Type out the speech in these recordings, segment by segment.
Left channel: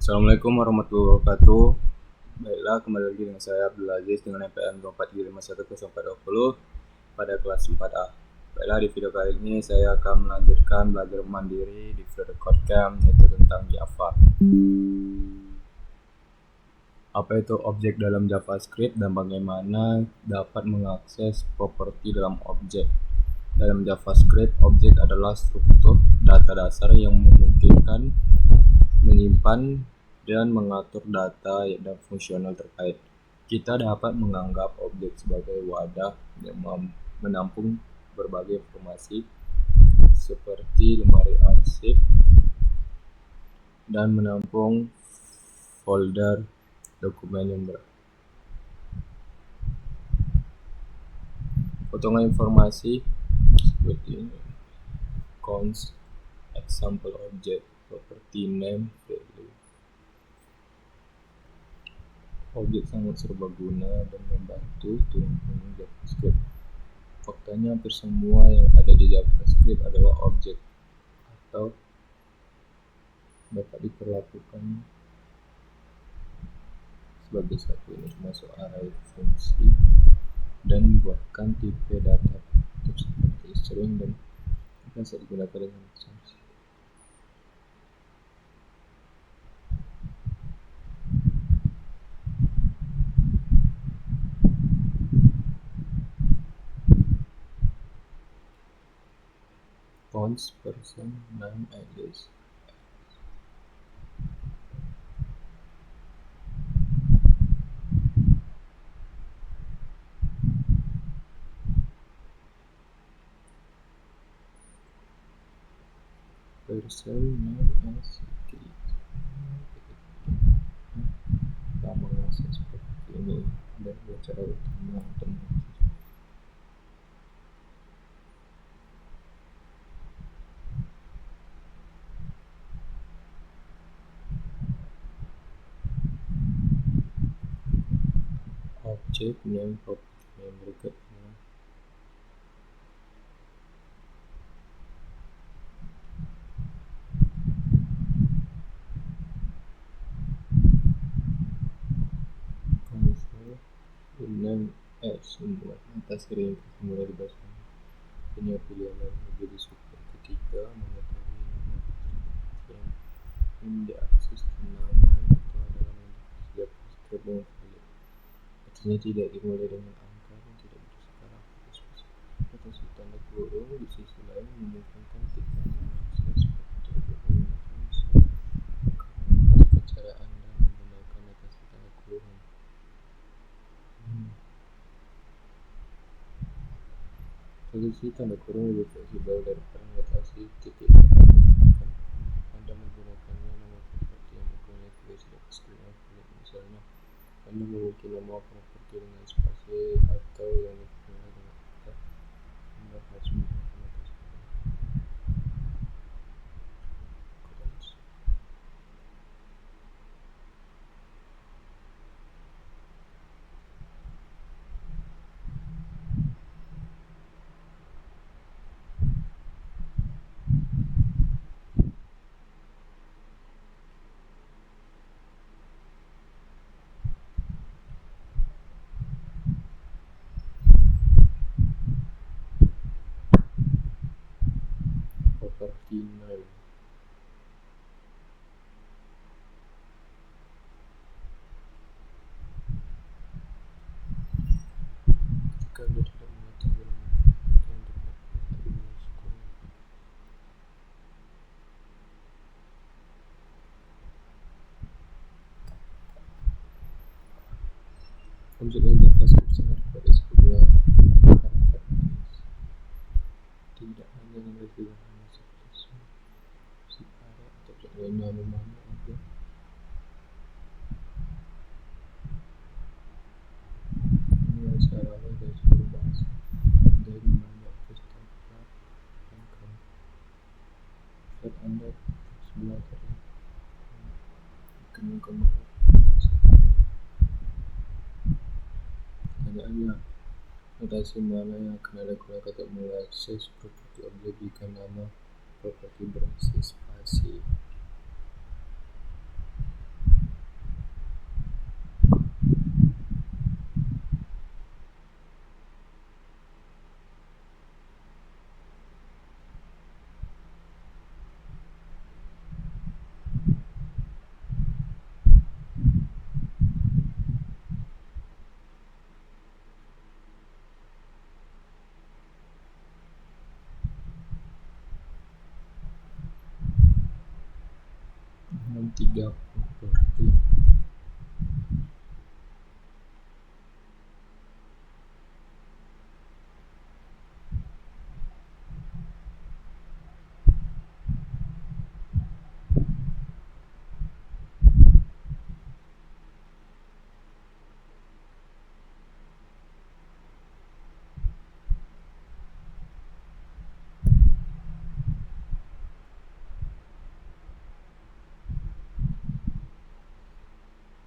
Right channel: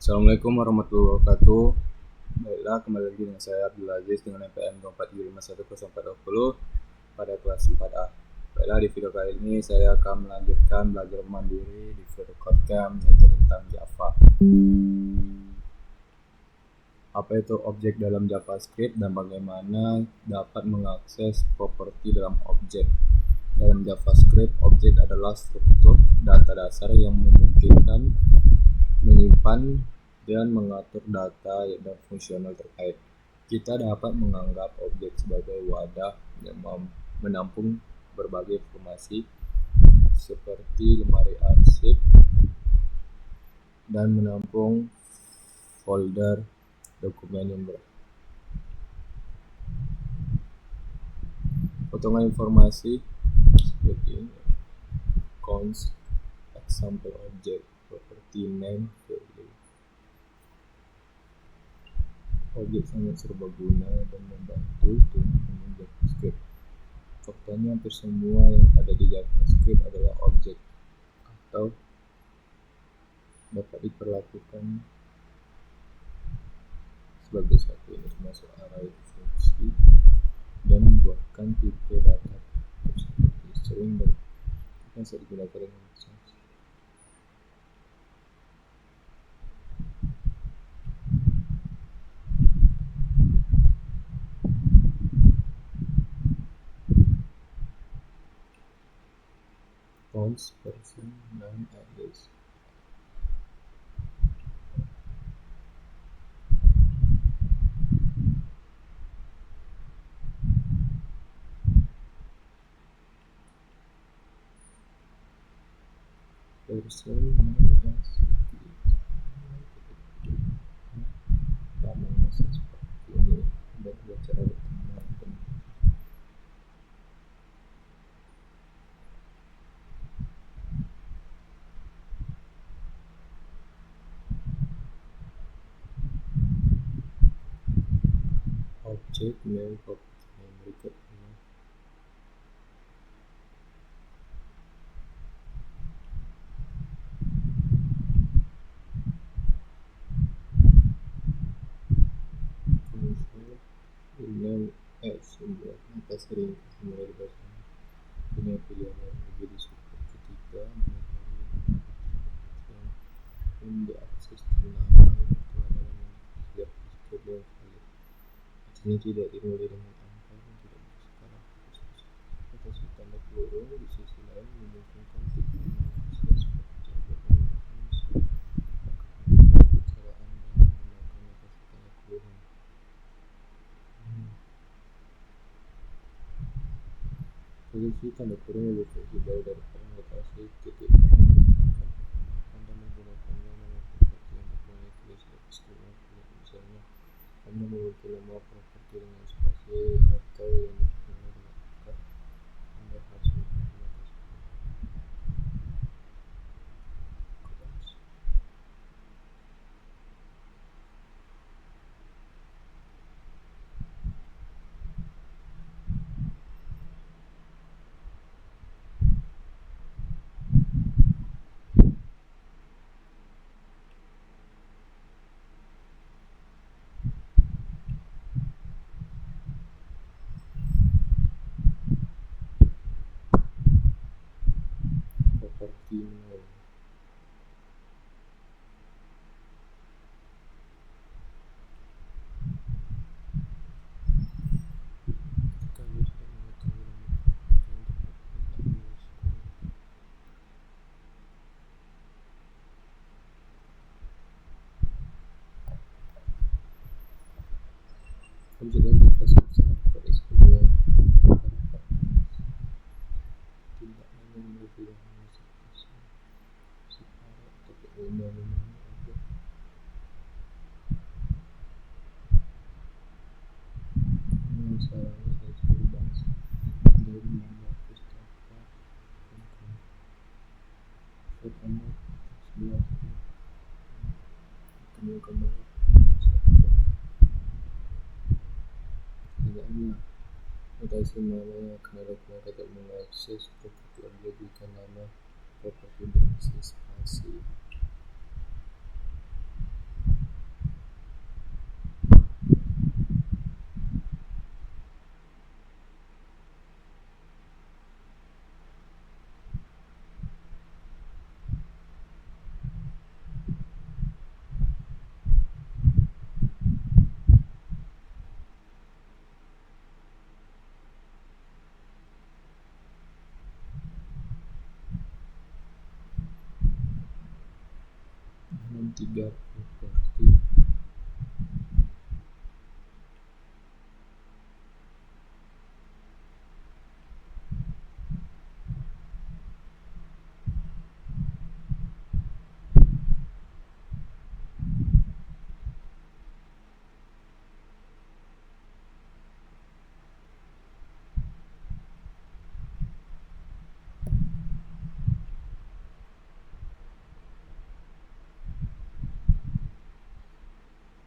Assalamualaikum warahmatullahi wabarakatuh. Baiklah, kembali lagi dengan saya Abdul Aziz dengan NPM 24G510420 pada kelas 4A. Baiklah, di video kali ini saya akan melanjutkan belajar mandiri di video Codecamp, yaitu tentang Java. Apa itu objek dalam JavaScript dan bagaimana dapat mengakses properti dalam objek? Dalam JavaScript, objek adalah struktur data dasar yang memungkinkan menyimpan dan mengatur data dan fungsional terkait. Kita dapat menganggap objek sebagai wadah yang menampung berbagai informasi seperti lemari arsip dan menampung folder dokumen yang potongan informasi seperti ini. Const example object property name value. Objek sangat serbaguna dan membantu tulang punggung JavaScript. Faktanya hampir semua yang ada di JavaScript adalah objek atau dapat diperlakukan sebagai satu ini, termasuk array fungsi dan membuatkan tipe data seperti string dan bisa digunakan dengan saksi. Fonts, person, name, alias. Person, name, as kita mengakses seperti ini dan dua cara utama untuk mengakses. Object name, property name berikutnya. Console name semua atas ringkas mulai di bahasa punya pilihan yang lebih disukai. Ketiga, mengetahui nama yang diakses dan nama itu adalah JavaScript yang valid. Artinya tidak dimulai dengan angka dan tidak berskala atau tanda kurung. Di sisi lain memungkinkan kita mengakses properti objek menggunakan jika cara Anda menggunakan notasi tanda kurung. Notasi tanda kurung lebih fleksibel daripada notasi titik karena memungkinkan Anda menggunakannya nama properti yang berkomunikasi dengan JavaScript yang valid. Misalnya, Anda memiliki nama properti dengan spasi atau yang dimulai dengan angka, Anda harus menggunakan notasi kurung. Property name. Jika Anda tidak mengetahui nama properti yang tepat, bisa dimasukkan objek dalam JavaScript sangat kuat disebutnya karakter manis. Tidak hanya nilai sederhana seperti si array atau objek lainnya, memahami objek mulai secara awal dari seluruh bahasa dari banyak pustaka dan kan. Saat Anda terus belajar dikembangkan banget masa ini. Pertanyaannya, notasi mana yang akan Anda gunakan untuk mengakses properti objek jika nama properti berisi spasi? dengan 3 properti.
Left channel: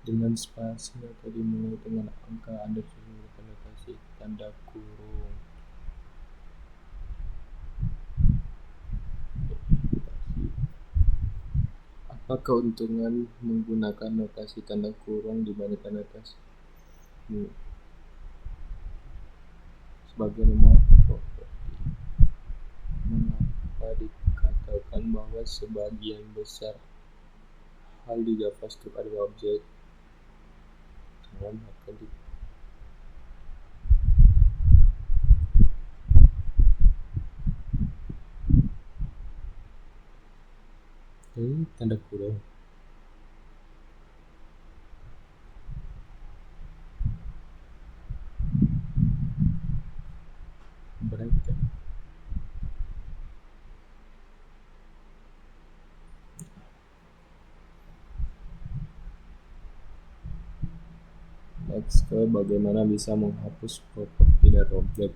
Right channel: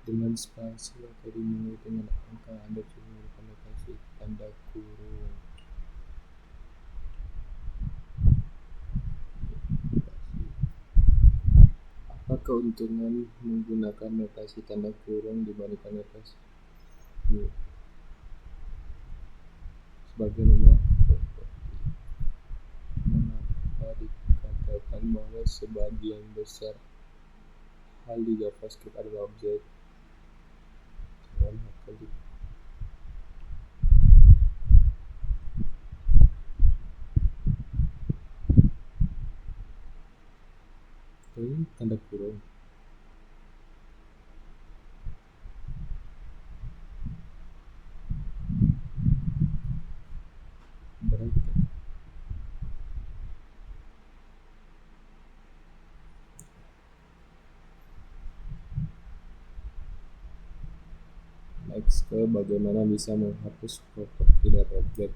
Dengan spasi atau dimulai dengan angka, Anda sudah menggunakan notasi tanda kurung. Apa keuntungan menggunakan notasi tanda kurung dibandingkan notasi ini? Sebagai nomor properti, mengapa dikatakan bahwa sebagian besar hal di JavaScript adalah objek? Tanda kurung. Bracket. Next ke bagaimana bisa menghapus properti dari objek.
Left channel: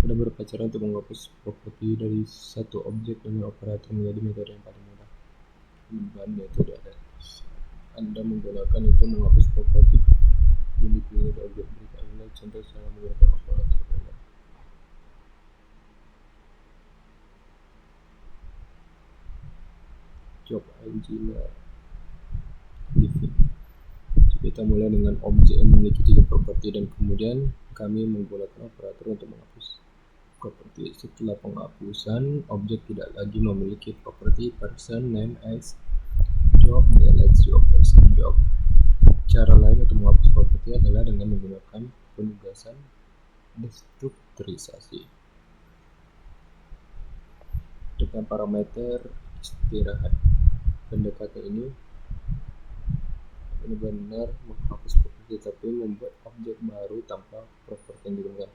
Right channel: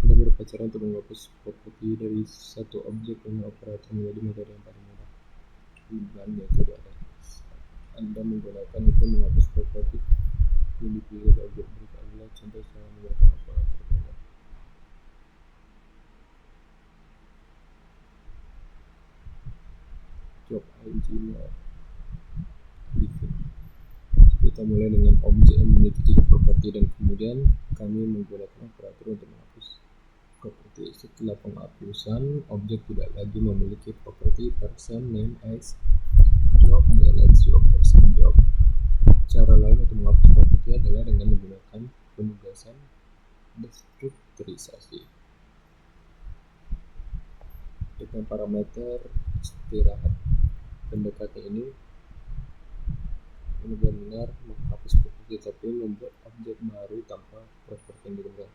Ada beberapa cara untuk menghapus properti dari satu objek dengan operator menjadi metode yang paling mudah. Dan metode ada Anda menggunakan itu menghapus properti yang dipilih dari objek berikut adalah contoh cara menggunakan operator banyak. Job engineer living. Kita mulai dengan objek yang memiliki 3 properti dan kemudian kami menggunakan operator untuk menghapus properti. Setelah penghapusan, objek tidak lagi memiliki properti person name x job deletes job person job. Cara lain untuk menghapus properti adalah dengan menggunakan penugasan destrukturisasi dengan parameter istirahat. Pendekatan ini benar-benar menghapus properti tapi membuat objek baru tanpa properti yang digunakan.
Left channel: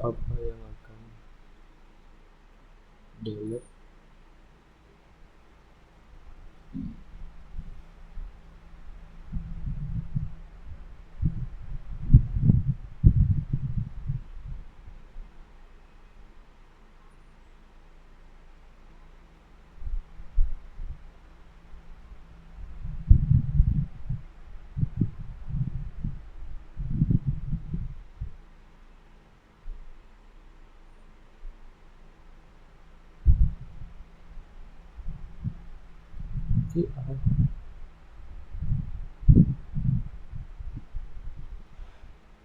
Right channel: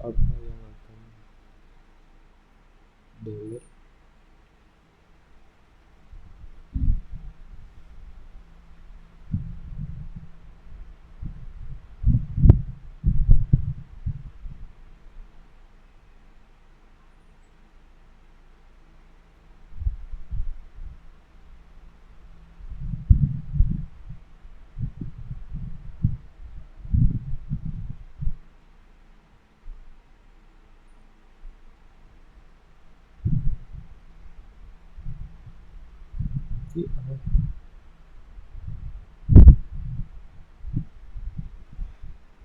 Apa yang akan delete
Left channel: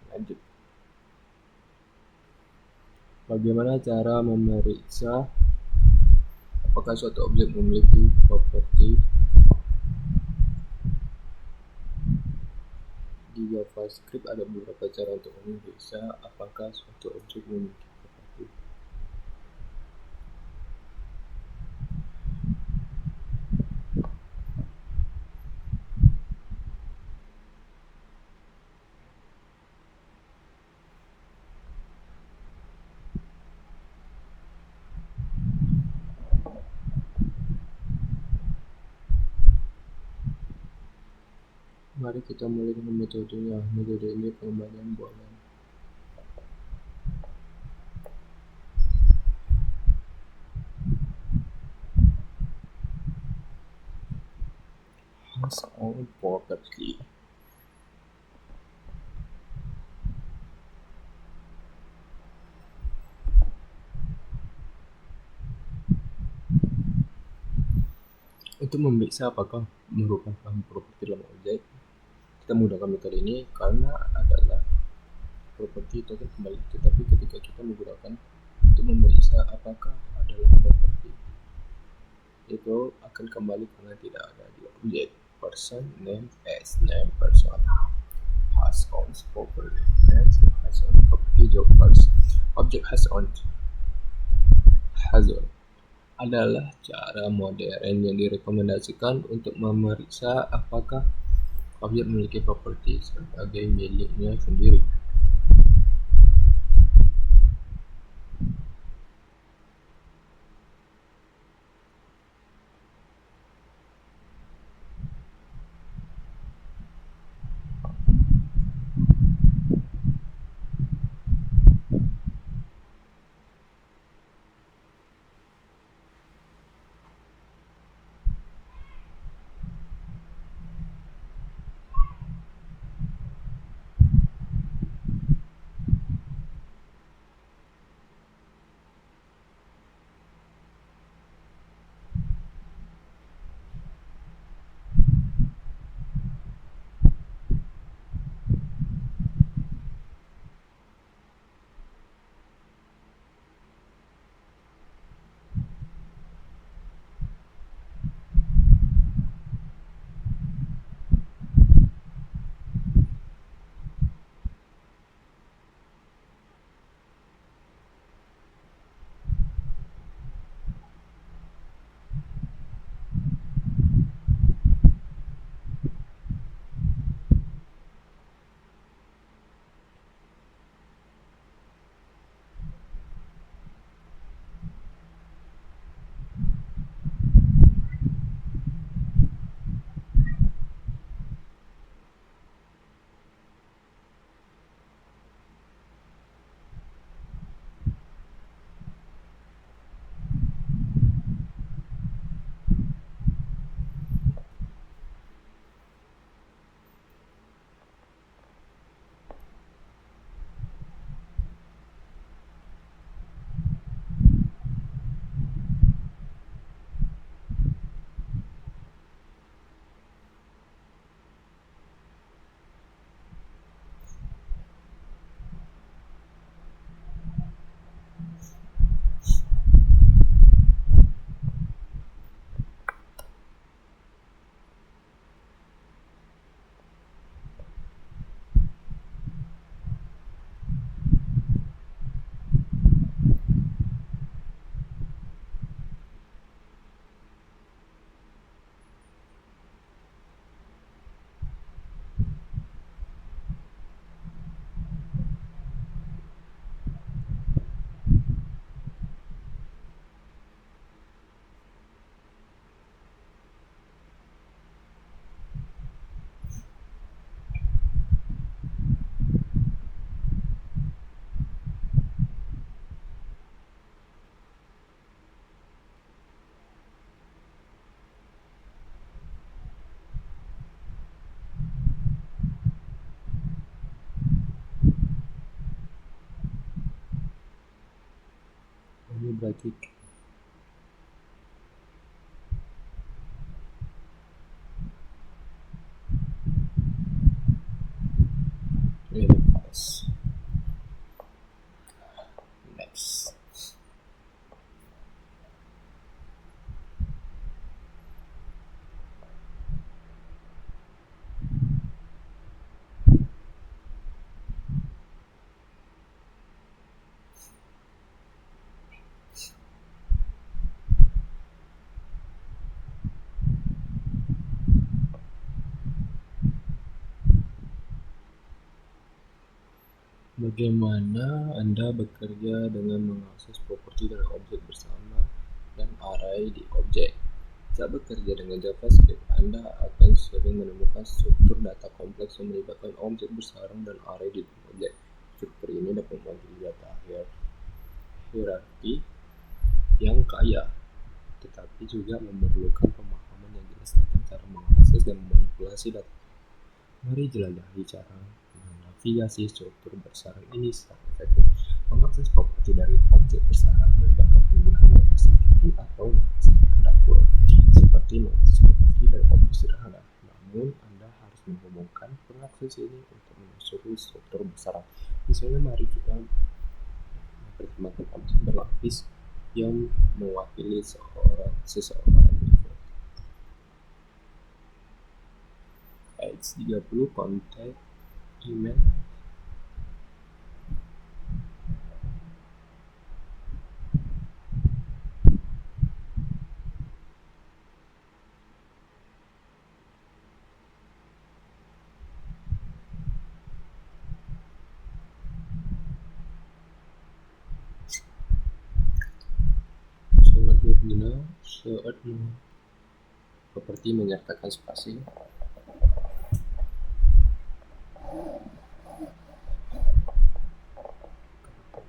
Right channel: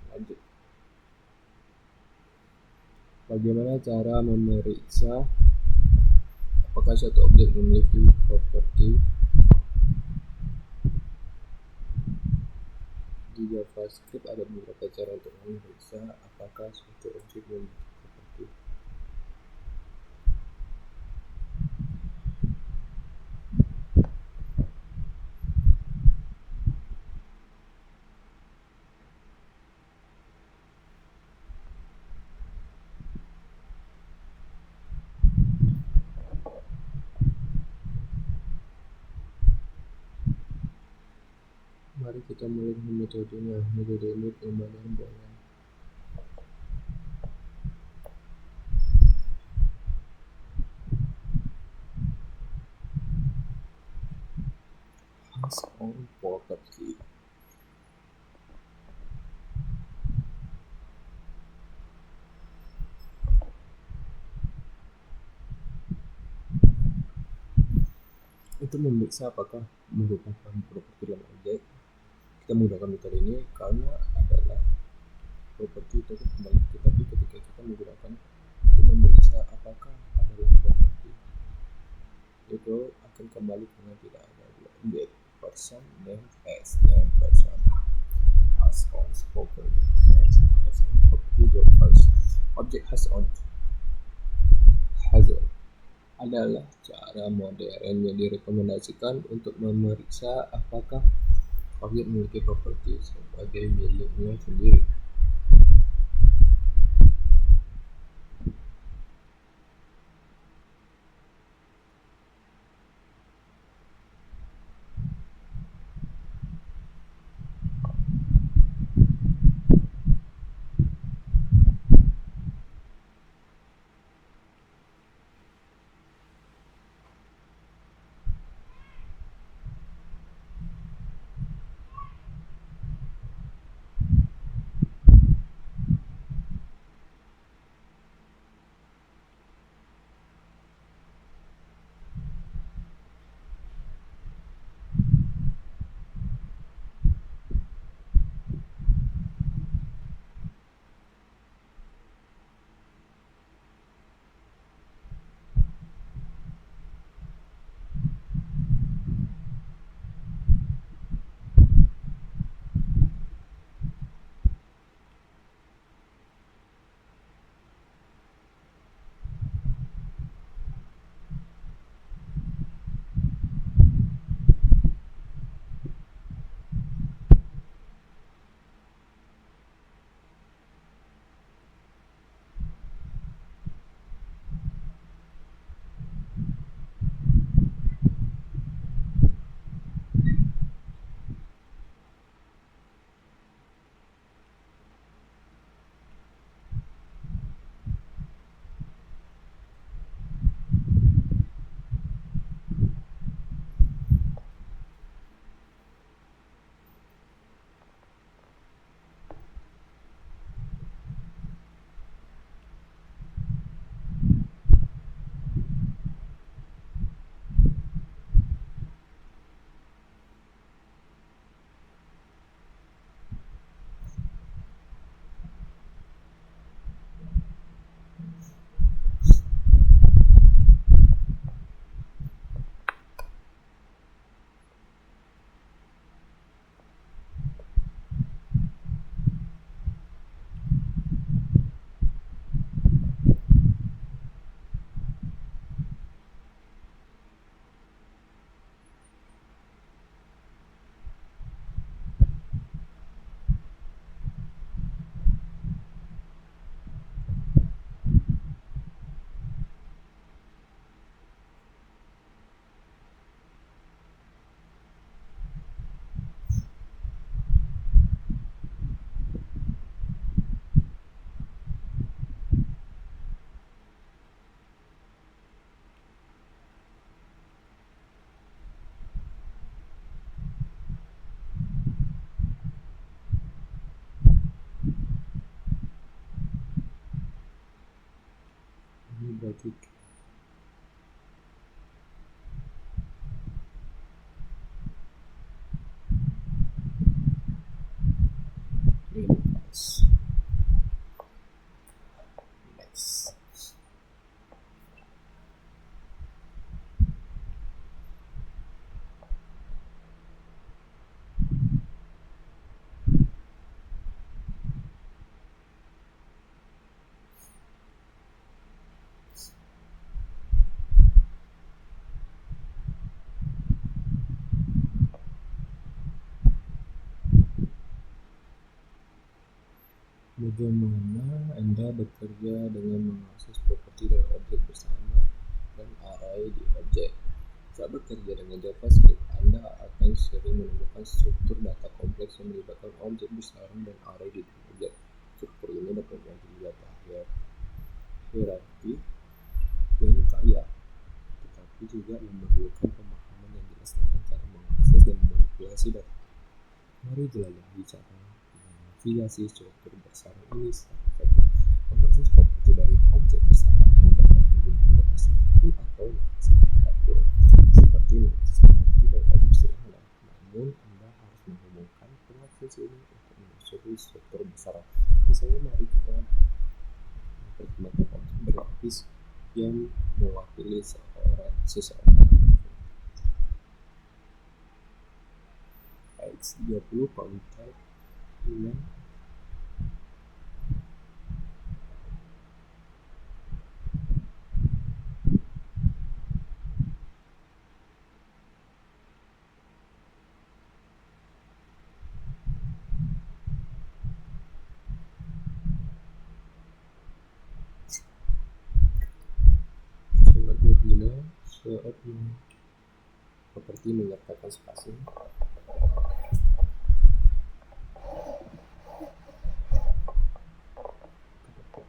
lanjut. Bagaimana cara memeriksa apakah suatu objek memiliki properti di JavaScript? Ada beberapa cara untuk memeriksa apakah suatu objek memiliki properti. Mari kita mulai dengan metodenya. Metode ini pengembalian boolean. has own property. Untuk memeriksa apakah merupakan properti dalam objek, kita menggunakan metode ini karena adalah properti itu akan kembali, tetapi ketika kita menggunakan untuk memeriksa apakah adalah properti, itu akan kembali karena tidak ada di objek. Person, name, as, name, person, has owns property, name, has own property. Jawab first. Objek has own adalah cara modern yang direkomendasikan untuk memeriksa apakah objek memiliki properti sebagai miliknya sendiri. Ini berarti ini pas. Next. Bagaimana Anda bekerja dengan mengakses properti dari objek bersama dan array di objek? Saat bekerja dengan JavaScript, Anda akan sering menemukan struktur data kompleks yang melibatkan objek bersarang dan array di dalam objek. Struktur ini dapat mewakili data hierarki yang kaya, tetapi juga memerlukan pemahaman yang jelas tentang cara mengakses mengakses dan memanipulasi data. Mari jelajahi cara menavigasi struktur bersarang ini secara efektif. Mengakses properti dari objek bersarang melibatkan penggunaan notasi titik atau notasi tanda kurung, seperti mengakses properti dari objek sederhana. Namun, Anda harus menghubungkan pengakses ini untuk menelusuri struktur bersarang. Misalnya, mari kita mempertimbangkan objek berlapis yang mewakili seseorang. H30 kontak email. Sangat berguna saat properti menyertakan spasi.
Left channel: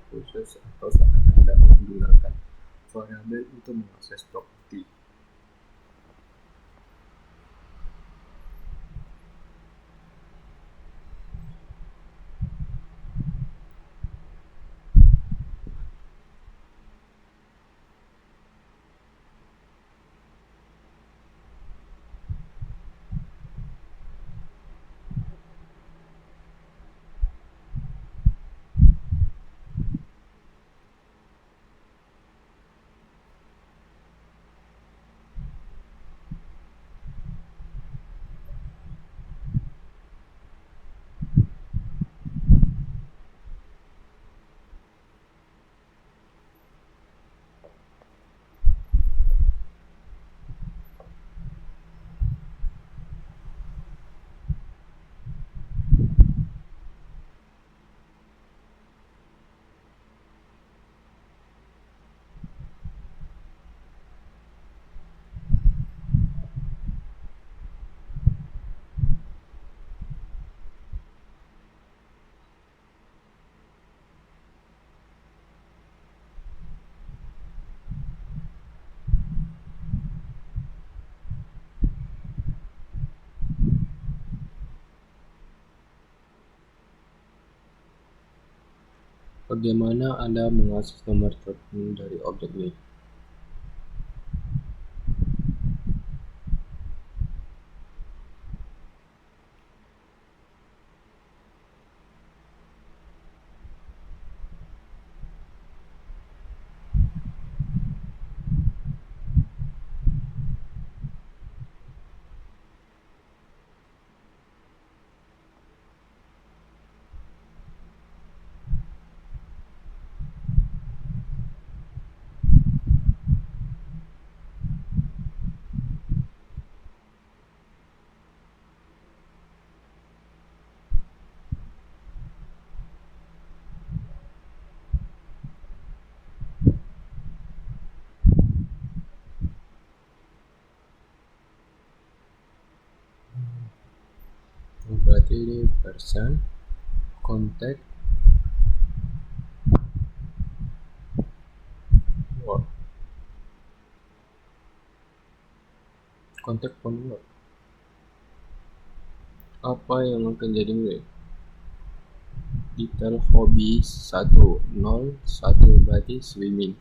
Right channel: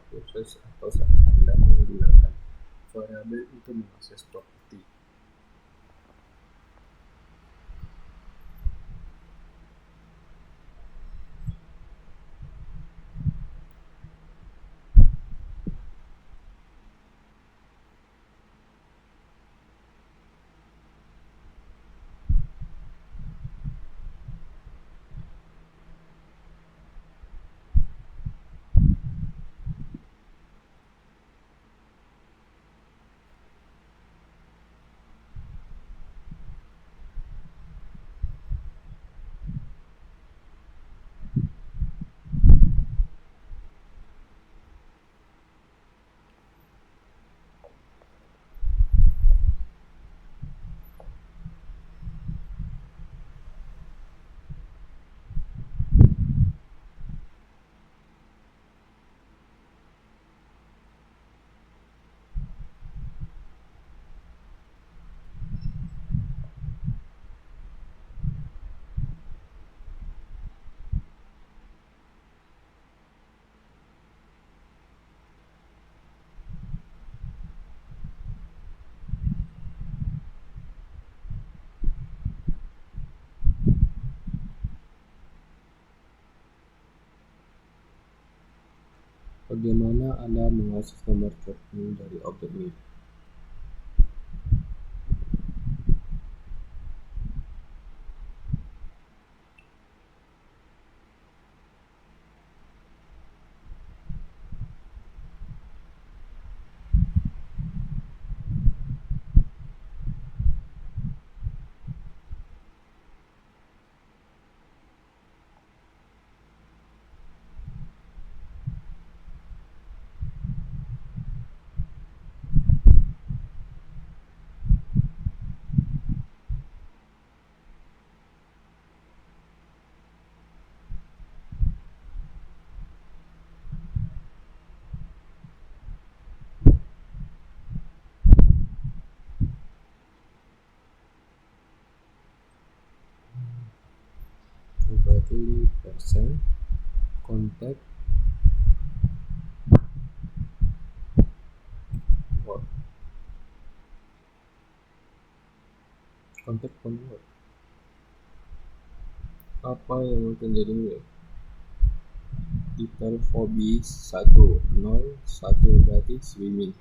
Khusus atau saat Anda menggunakan variabel untuk mengakses properti. Bagaimana Anda mengakses nomor telepon dari objek ini? Berarti ini person, contact, word, contact phone word. Apa yang akan jadi milik? Detail hobi 101 berarti swimming.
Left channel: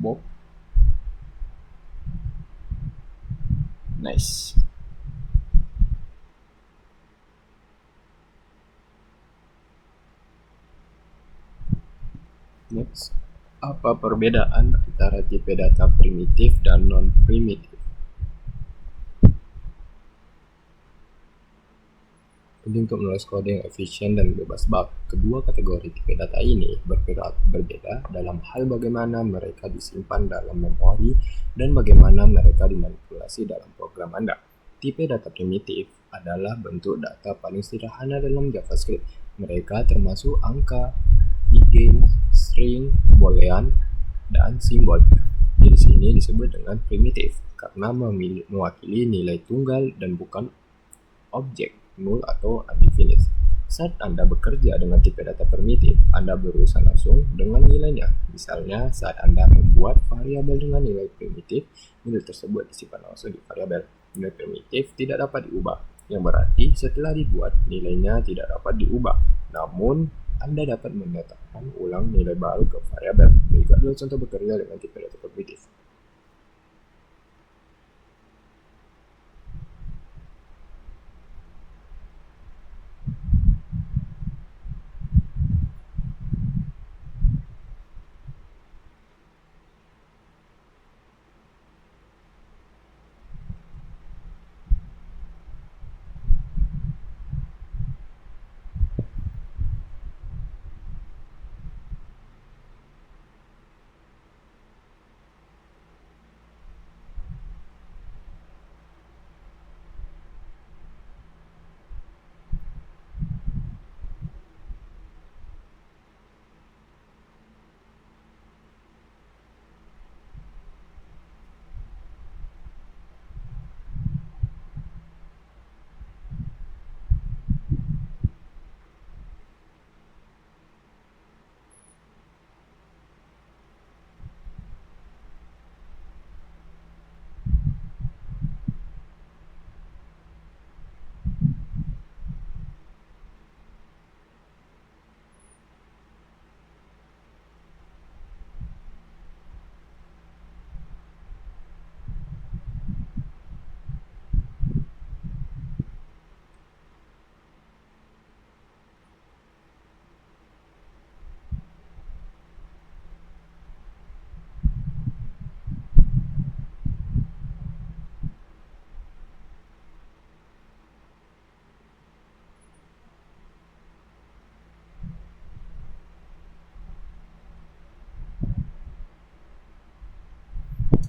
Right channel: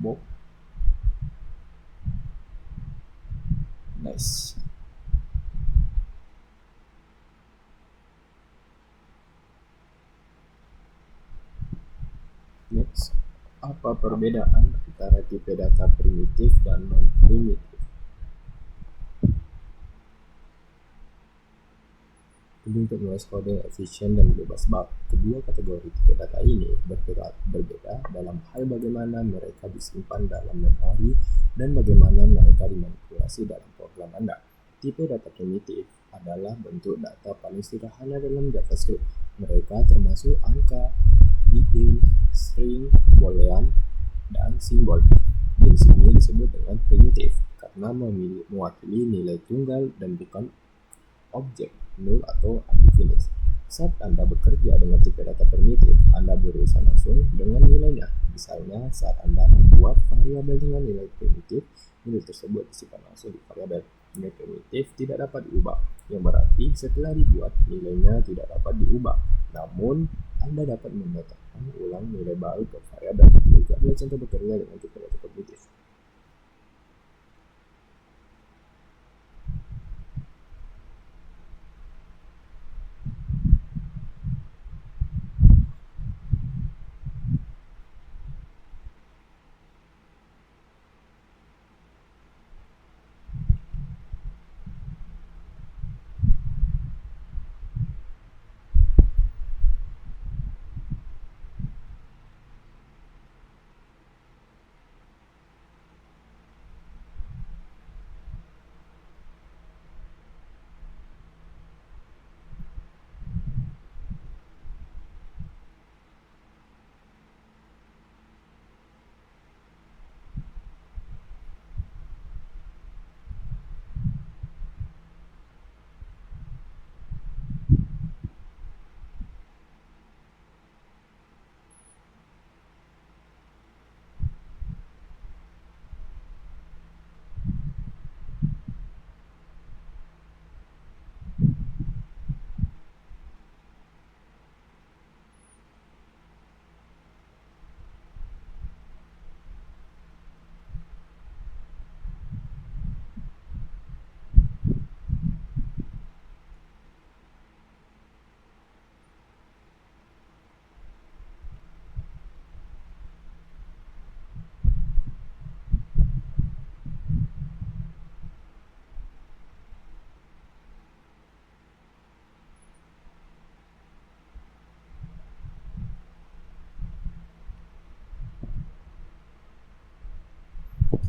Bob. Nice. Next, apa perbedaan antara tipe data primitif dan non-primitif? Penting untuk menulis kode yang efisien dan bebas bug. Kedua kategori tipe data ini berbeda dalam hal bagaimana mereka disimpan dalam memori dan bagaimana mereka dimanipulasi dalam program Anda. Tipe data primitif adalah bentuk data paling sederhana dalam JavaScript. Mereka termasuk angka, boolean, string, boolean, dan simbol. Jenis ini disebut dengan primitif karena mewakili nilai tunggal dan bukan objek null atau undefined. Saat Anda bekerja dengan tipe data primitif, Anda berurusan langsung dengan nilainya. Misalnya, saat Anda membuat variabel dengan nilai primitif, nilai tersebut disimpan langsung di variabel. Nilai primitif tidak dapat diubah, yang berarti setelah dibuat, nilainya tidak dapat diubah. Namun, Anda dapat menetapkan ulang nilai baru ke variabel. Berikut adalah contoh bekerja dengan tipe data primitif.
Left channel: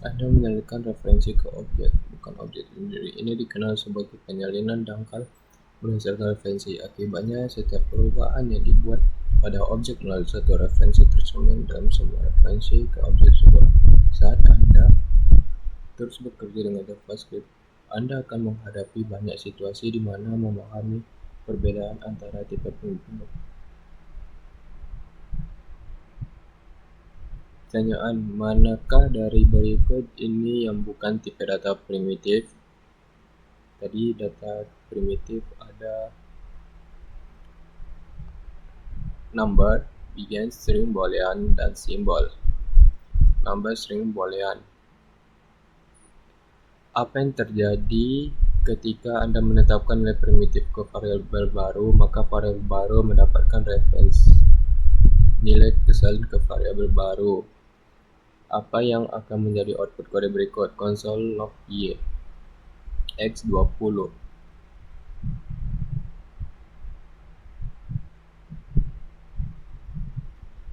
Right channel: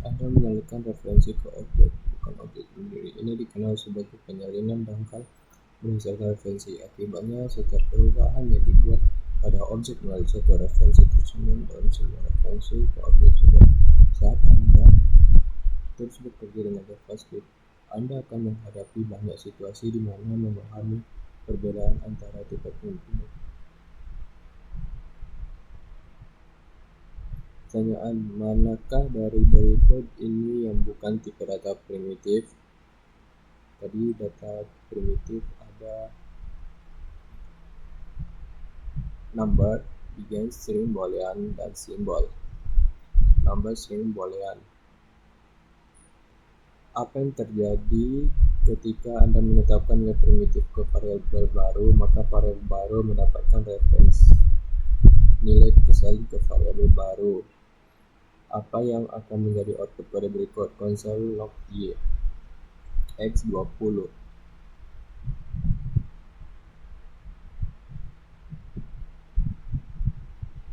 Anda menyalikan referensi ke objek, bukan objek sendiri. Ini dikenal sebagai penyalinan dangkal berdasarkan referensi. Akibatnya, setiap perubahan yang dibuat pada objek melalui satu referensi tercermin dalam semua referensi ke objek tersebut. Saat Anda terus bekerja dengan JavaScript, Anda akan menghadapi banyak situasi di mana memahami perbedaan antara tipe primitif. Pertanyaan, manakah dari berikut ini yang bukan tipe data primitif? Tadi data primitif ada number, begin, string, boolean, dan simbol. Number, string, boolean. Apa yang terjadi ketika Anda menetapkan nilai primitif ke variabel baru, maka variabel baru mendapatkan referensi nilai kesalin ke variabel baru. Apa yang akan menjadi output kode berikut? Console log y x20.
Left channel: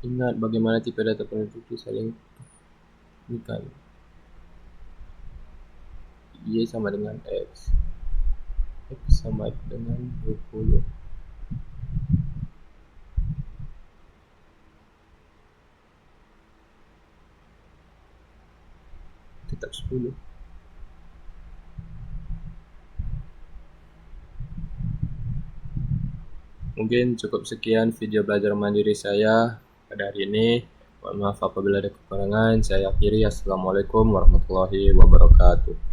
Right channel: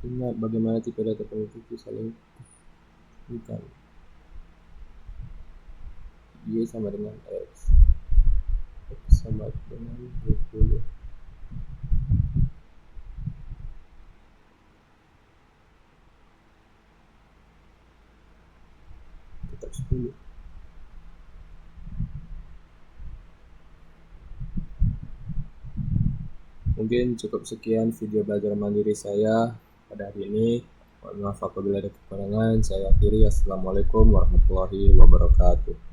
Ingat bagaimana tipe data primitif saling ikan. Y sama dengan x. X sama dengan 20. Tetap 10. Mungkin cukup sekian video belajar mandiri saya pada hari ini. Mohon maaf apabila ada kekurangan. Saya akhiri. Assalamualaikum warahmatullahi wabarakatuh.